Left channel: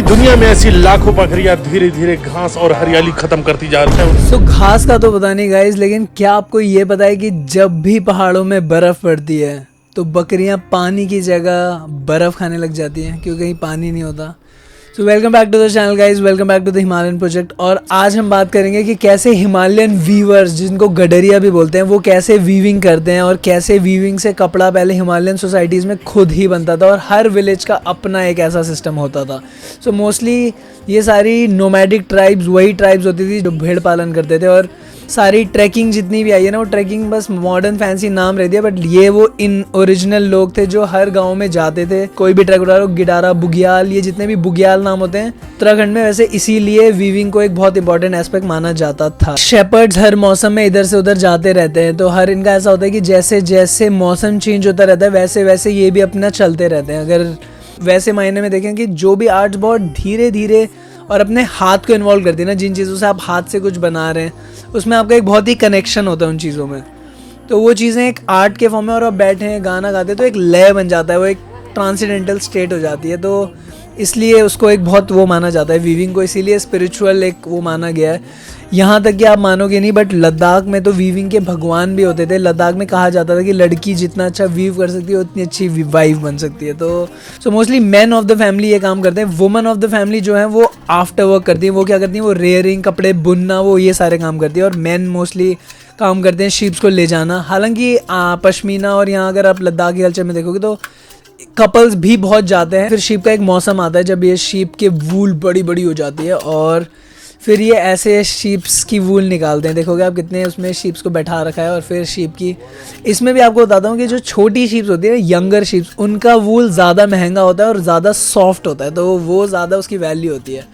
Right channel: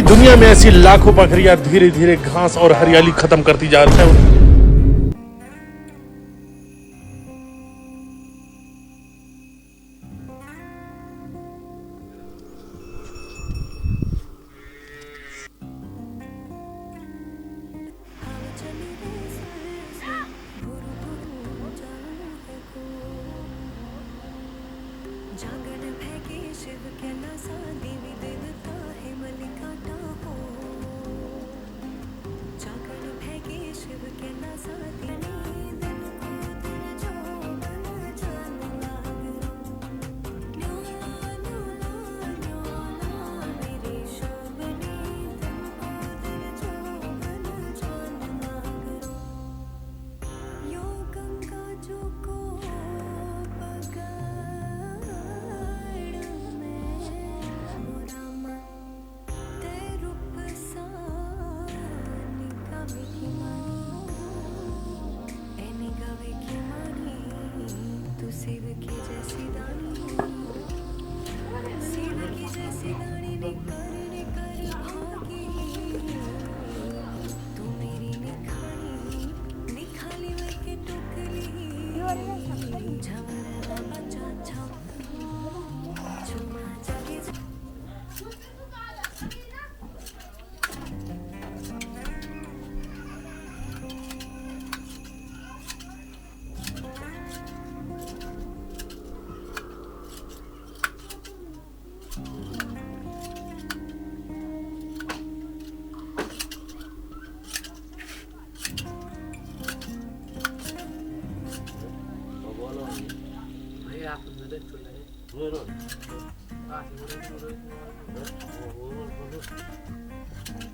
पूरी दुनिया में ऐसी लाखों बकरियां धीरे धीरे घास और हरियाली खत्म करती जा रही है। तो घास का तो पता नहीं गाइस, लेकिन क्या आपको ये पता है कि जब भी पहाड़ों में बर्फ पड़ती है तो बकरियां पानी की जगह बर्फ खाने लग जाती हैं क्योंकि कहीं पानी नहीं होता। So welcome back to the channel guys, welcome back to the Himalayan project. और आज हम बात करेंगे कि कैसे हिमालयन वीवर्स, जिनको गडरिया भी बोलते हैं, वो कैसे वीविंग करते हैं और कैसे वीविंग से कपड़ा पहले हिमालयन सोसाइटीज़ में खुद ही बनता था और हर विलेज का अपना एक ऐसा सिस्टम होता था। सो मोस्टली ये सारी नोमैडिक ट्राइब्स वही ट्राइब्स होती थी जो भेड़ पालन करते थे। और सारी ट्रैकिंग जितनी भी आई है ना, वो ट्रैकिंग बस मॉडर्न फैंसी नाम रह दिया, बट ये वो इन ओरिजिनल लोग थे जो हर गांव में जाते थे। कोई भी ट्रैक उठा लो, गिडारा, बुग्याल, ये जितने भी बुग्याल नाम होते हैं उत्तराखंड में, वैसे इसीलिए वीविंग को एक बहुत इंपॉर्टेंट एस्पेक्ट माना जाता था। शेपर्ड्स हर मौसम में इधर से उधर जाते रहते हैं, तो हर इनका ऐसा होता है कि जैसे जैसे मौसम चेंज होता रहता है वैसे वैसे ये भी अपना चलते रहते हैं। अगर वैसे मायने में देखें कि जो भी आर्ट्स बहुत धीरे धीरे और अपने हाथ को इन्वॉल्व करती है ना, जिन चीज़ों से आप हाथ से कुछ बना रहे हैं उसमें आपका एक बहुत ही कनेक्शन होता है उन चीज़ों में, तो वो चीज़ें एक आर्ट के फॉर्म में और आप बैठे हैं गाना गाते हैं तो एक लय बन जाता है, वो एक ट्रांसेंडेंटल स्टेट हो जाती है। तो इसलिए उसको एक बहुत वो माना जाता है वीविंग को, इसीलिए स्पिरिचुअल एक वो माना गया है। यहाँ तक कि आप मानोगे नहीं, बट लद्दाख में तो वीविंग के भगवान भी होते थे। लद्दाख में कहा जाता था कि लड़की जितना अच्छा वीव कर सकती है उतनी अच्छी वाइफ बन सकती है। तो mostly man of the family ये काम करते हैं। वुमन ऑफ द फैमिली जो है वो आफ्टर वर्क करती है। वो क्या करती है, वो रेयरिंग, कपड़े बुनना, वो ये सारे काम करती है। और मैन मोस्टली काम करते हैं शीप्स को ले जाना। हालांकि पश्मीना, और यहाँ अगर आप लद्दाख के कल्चर में देखोगे तो कपल्स भी बहुत जाते हैं। फिर शीप का एक मौसम आता है जब ये शीप के वूल बड़ी बड़ी हो जाती है और फिर ये ऐसे शीप्स की वूल निकालते हैं। देखोगे आप कितने उसमें शीप्स को बैठा रखा है। और फिर शीप की, इसमें भी आपको बताता हूँ कि जो छोटी शीप्स होती है ना, यंगर शीप्स, उनका वूल ज़्यादा महंगा होता है और ज़्यादा सॉफ्ट होता है, तो वो ज़्यादा उसकी वैल्यू होती है।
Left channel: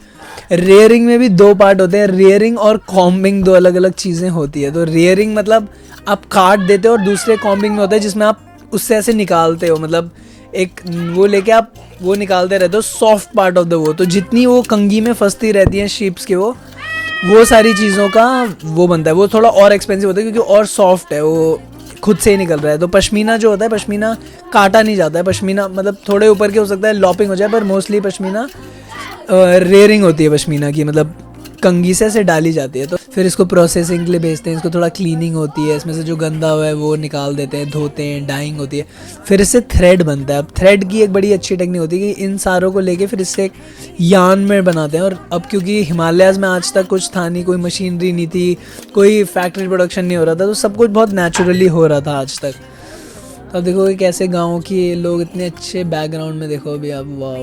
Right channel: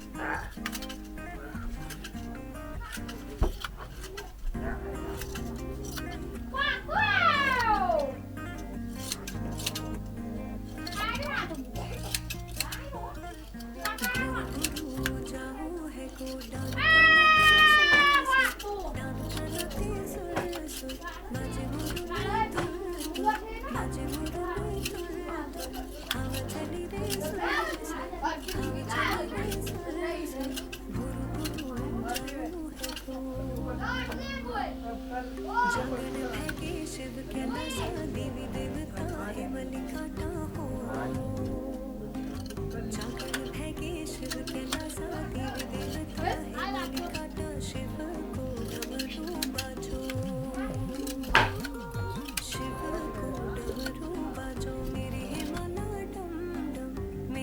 रेयरिंग में भी दो पार्ट होते हैं, रेयरिंग और कॉम्बिंग, दो अलग अलग चीज़ें होती है। तो रेयरिंग मतलब आप काट देते हो, और दूसरे कॉम्बिंग में होता है जिसमें आप उससे ऐसे निकालते हो, मतलब एक वो लेके आप वो निकालते रहते हो सॉफ्ट पार्ट ऑफ द वो। तो जितनी वो कंगी में फंसती रहती हैं शीप्स के वो सारी चीज़ों का वो बनता है। वो थोड़ा और एक्सपेंसिव होता है क्योंकि और सॉफ्ट है, वो खुद से ही निकल रहा है। तो पश्मीना जो होता है, पश्मीना काटा नहीं जाता है। पश्मीना मतलब थोड़े ऊपर के हो सकता है लॉपिंग हो जाए, पर मोस्टली पश्मीना रेयरिंग होती है पश्मीना की, मतलब कंगी से ऐसे डाली जाती है। तो फिर इसको प्रोसेसिंग के लिए भेजते हैं, इसको थोड़ा क्लीनिंग होती है, इसमें से जो गंदा हुआ है वो निकाल देते हैं, धोते हैं, डाइंग होती है, फिर इससे थ्रेड बनता है। अब थ्रेड की एक बड़ी अच्छी टेक्निक होती है कि इन सारों को लेके फिर इससे एक यार्न में बनाते हैं। और अब क्योंकि हिमालयाज़ में आज तक कुछ था नहीं, कोई मशीनरी नहीं थी, कोई फैक्ट्री प्रोडक्शन नहीं हो रहा था, तो सब कुछ बहुत नेचुरली हो रहा था आज तक। तो अब देखो कैसे गाँव के लोग इतने अच्छे बैकग्राउंड में, देखो अभी आप, वाह,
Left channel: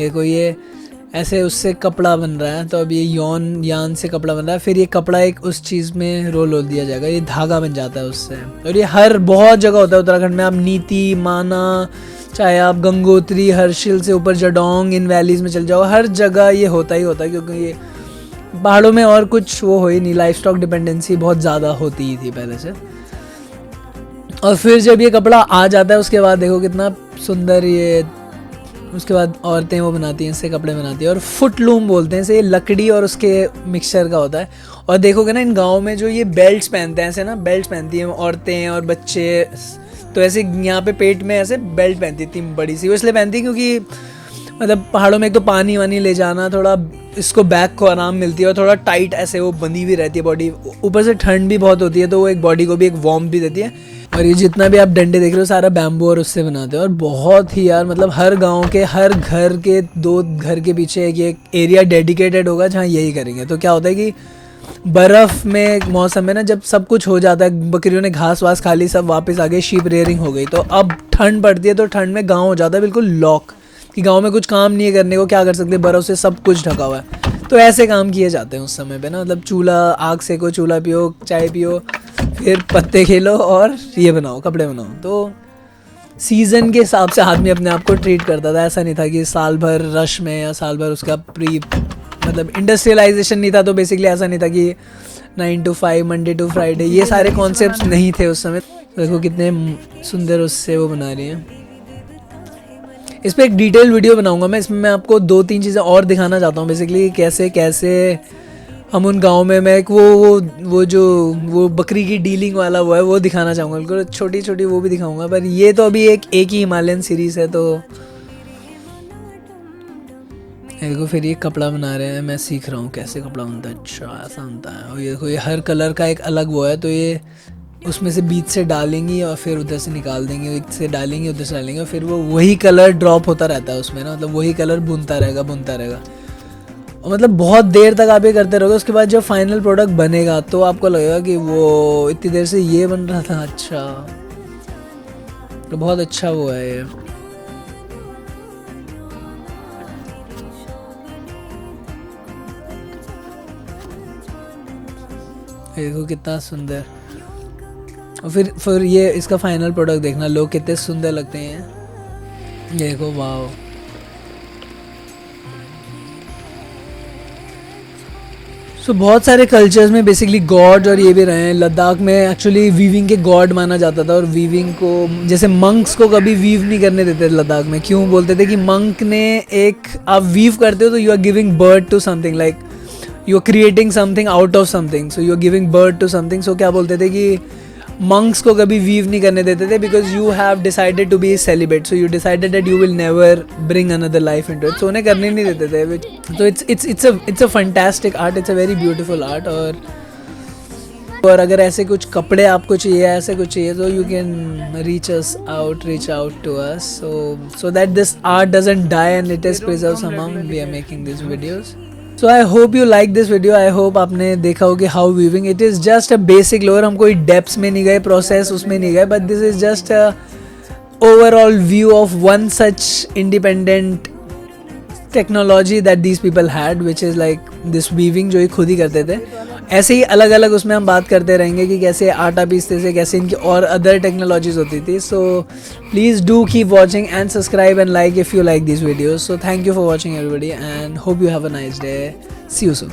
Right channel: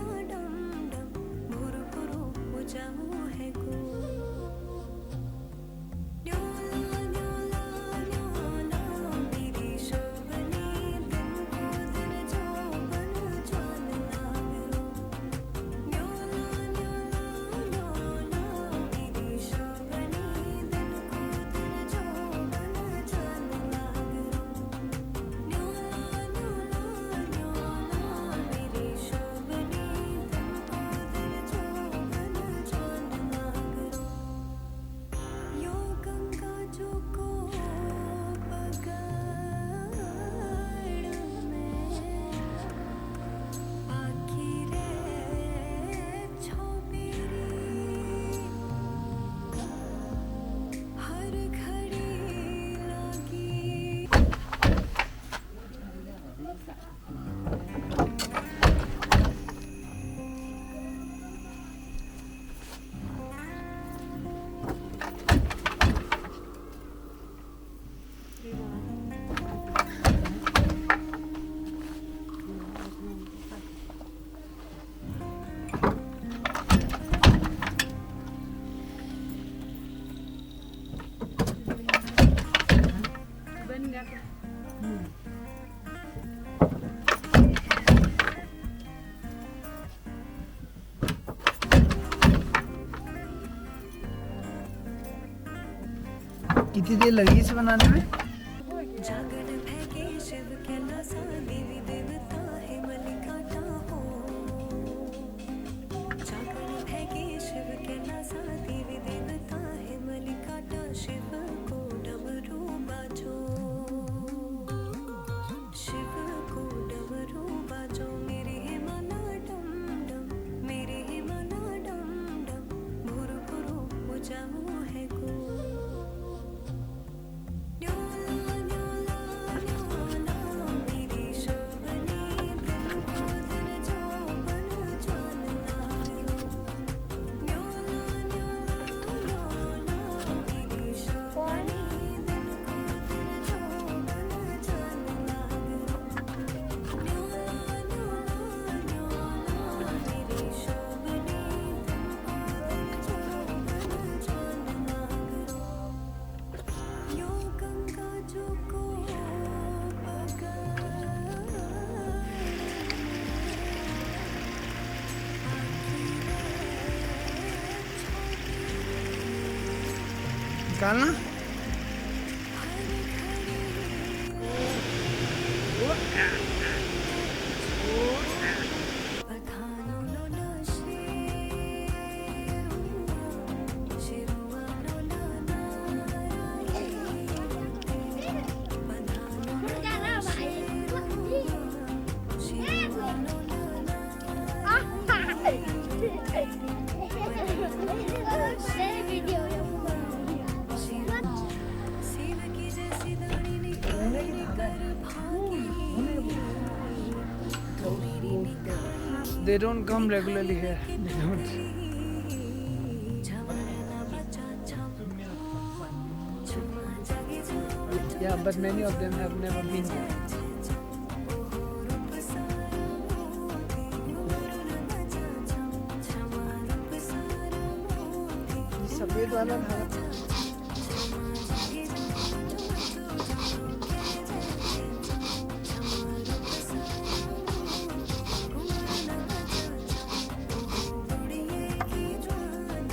ये कोई ये ऐसे उससे कपड़ा बन रहा है। तो अब ये यान से कपड़ा बन रहा है, फिर ये कपड़ा एक उस चीज़ में रोल हो दिया जाएगा, ये धागा बन जाता है उससे। और ये हर बहुत जगह होता है उत्तराखंड में। आप नीति, माना, चाहे आप गंगोत्री, हर्षिल से ऊपर जडोंग, इन वैलीज़ में चल जाओ, हर जगह ये होता ही होता है, क्योंकि ये पहाड़ों में और कुछ वो हो ही नहीं, लाइफ स्टॉक डिपेंडेंसी बहुत ज़्यादा होती ही थी पहले से। और फिर जब ये कपड़ा आ जाता है उसके बाद देखो कितना सुंदर ये, उसके बाद औरतें वो बनाती हैं, इससे कपड़े बनाती हैं। और फुटलूम बोलते हैं इसे, ये लकड़ी और उसके मिक्सचर का होता है। और देखोगे ना इन गाँव में जो ये बेल्ट्स पहनते हैं, ऐसे ना बेल्ट पहनती हैं औरतें और बच्चे, तो ऐसे यहाँ पे पेट में ऐसे बेल्ट पहनती थी बड़ी सी। वो इसलिए पहनती क्योंकि मतलब पहाड़ों में एक तो पानी वानी ले जाना, थोड़ा इसको बैक को आराम मिलती है, और थोड़ा टाइट ऐसे वो बंधी हुई रहती है बॉडी, ऊपर से ठंड भी बहुत होती है, तो वो एक बॉडी को भी एक वार्म भी देती है। और ये जितना भी आप डंडे देख रहे हो सारा बैम्बू और उससे बनाते हैं। और बहुत ही यार, मतलब हर गांव के हर घर के 2 घर के पीछे एक एरिया डेडिकेटेड होगा जहाँ यही करेंगे। तो क्या होता है कि बर्फ़ में मौसम में ना, जब सब कुछ हो जाता है, बकरियों ने घास वास खा ली, सब वापस आ गए, शीप रेयरिंग हो गई, तो अब ठंड पड़ती है, तो ठंड में गाँव हो जाता है बिल्कुल लॉक, कि गाँव में कुछ काम नहीं है करने को, क्या कर सकते, बर्फ़ से सब कुछ ढका हुआ है। तो ऐसे काम किए जाते हैं उस समय पे ना, मतलब चूल्हा, आग सेको, चूल्हा पियो, चाय पियो, फिर पत्ते खेलो और ये बनाओ, कपड़े बनाओ। तो सीज़न के हिसाब से आदमी अपने आप को ट्रीट करता था। ऐसा नहीं था कि साल भर रश में या साल भर उसका मतलब इंडस्ट्रियलाइजेशन नहीं था, तो बेसिकली ऐसा नहीं था कि 9 to 5 मंडे टू फ्राइडे, ये सारे कॉन्सेप्ट्स नहीं थे उस समय। देखो कितने सुंदर उससे वो बना रही हैं। इस पर एक डिटेल वीडियो बनाऊंगा मैं, इसमें मैं आपको 2-3 चीज़ें और दिखाना चाहता हूँ, बेसिकली कैसे कैसे हम उन गाँव में, मैं एक वो जो वो बकरी की डीलिंग वाला वो है वो दिखाना चाहूँगा, बिल्कुल छोटी छोटी वो भी दिखाऊंगा। पर ये तो अभी एक ही हिमालयन सीरीज़ है, तो देखो फिर ये कपड़ा बना रहे हैं, मैं सीख रहा हूँ कैसे कपड़ा बनता है। अच्छा ऐसा बनता है। और ये देखो ये हर कलर का एक अलग वो है, तो ये उसमें से बीच से डालेंगी और फिर उधर से निकाल देंगे, एक से डालेंगे उधर से डालेंगे, और फिर वो वही कलर ड्रॉप होता रहता है उसमें ना, मतलब वही कलर बुनता रहेगा और मतलब बहुत देर तक आप ये करते रहोगे। उसके बाद जब फाइनल प्रोडक्ट बनेगा तो आपको लगेगा कि वो इतनी देर से ये बन रहा था। अच्छा, तो बहुत अच्छा वो है ये। देखो कितना सुंदर। और फिर ये इसका फाइनल प्रोडक्ट देखना, लोग कितने सुंदर लगते हैं। देखो वाओ। बहुत सारे कल्चर्स में बेसिकली गॉड और ये भी रहे हैं। लद्दाख में एक्चुअली वीविंग के गॉड माना जाता था, और वीविंग को जैसे मंक्स को कभी वीव नहीं करने देते थे लद्दाख में। क्यों बोलते थे कि मंक ने आप वीव करते हो तो you are giving birth to something, like you are creating something out of something, so you are giving birth to something. सो क्या बोलते थे कि मंक्स को कभी वीव नहीं करने देते थे, because you have decided to be celibate, so you decided that you will never bring another life into it, सो उन्हें करने नहीं देते थे। तो it's a fantastic art, it's a very beautiful art. और अगर ऐसे कुछ कपड़े आपको चाहिए, ऐसे कुछ चाहिए, तो you can reach out to us, so that this art doesn't die and it is preserved somehow. We are making these videos. So I hope you like this video. I hope आपने देखा हो कि how weaving, it is just a basic lore. हम कोई depths में नहीं गए, process उसमें नहीं गए, but this is just a overall view of one such independent technology that these people had, which is like this weaving, जो ये खुद ही करते थे। ऐसे ही अलग अलग उसमें हम बात करते रहेंगे कि कैसे आटा पीसते थे, कैसे इनकी और अदर टेक्नोलॉजीज होती थी। So please do keep watching and subscribe and like if you like this video. So thank you for watching everybody and hope you have a nice day. See you soon.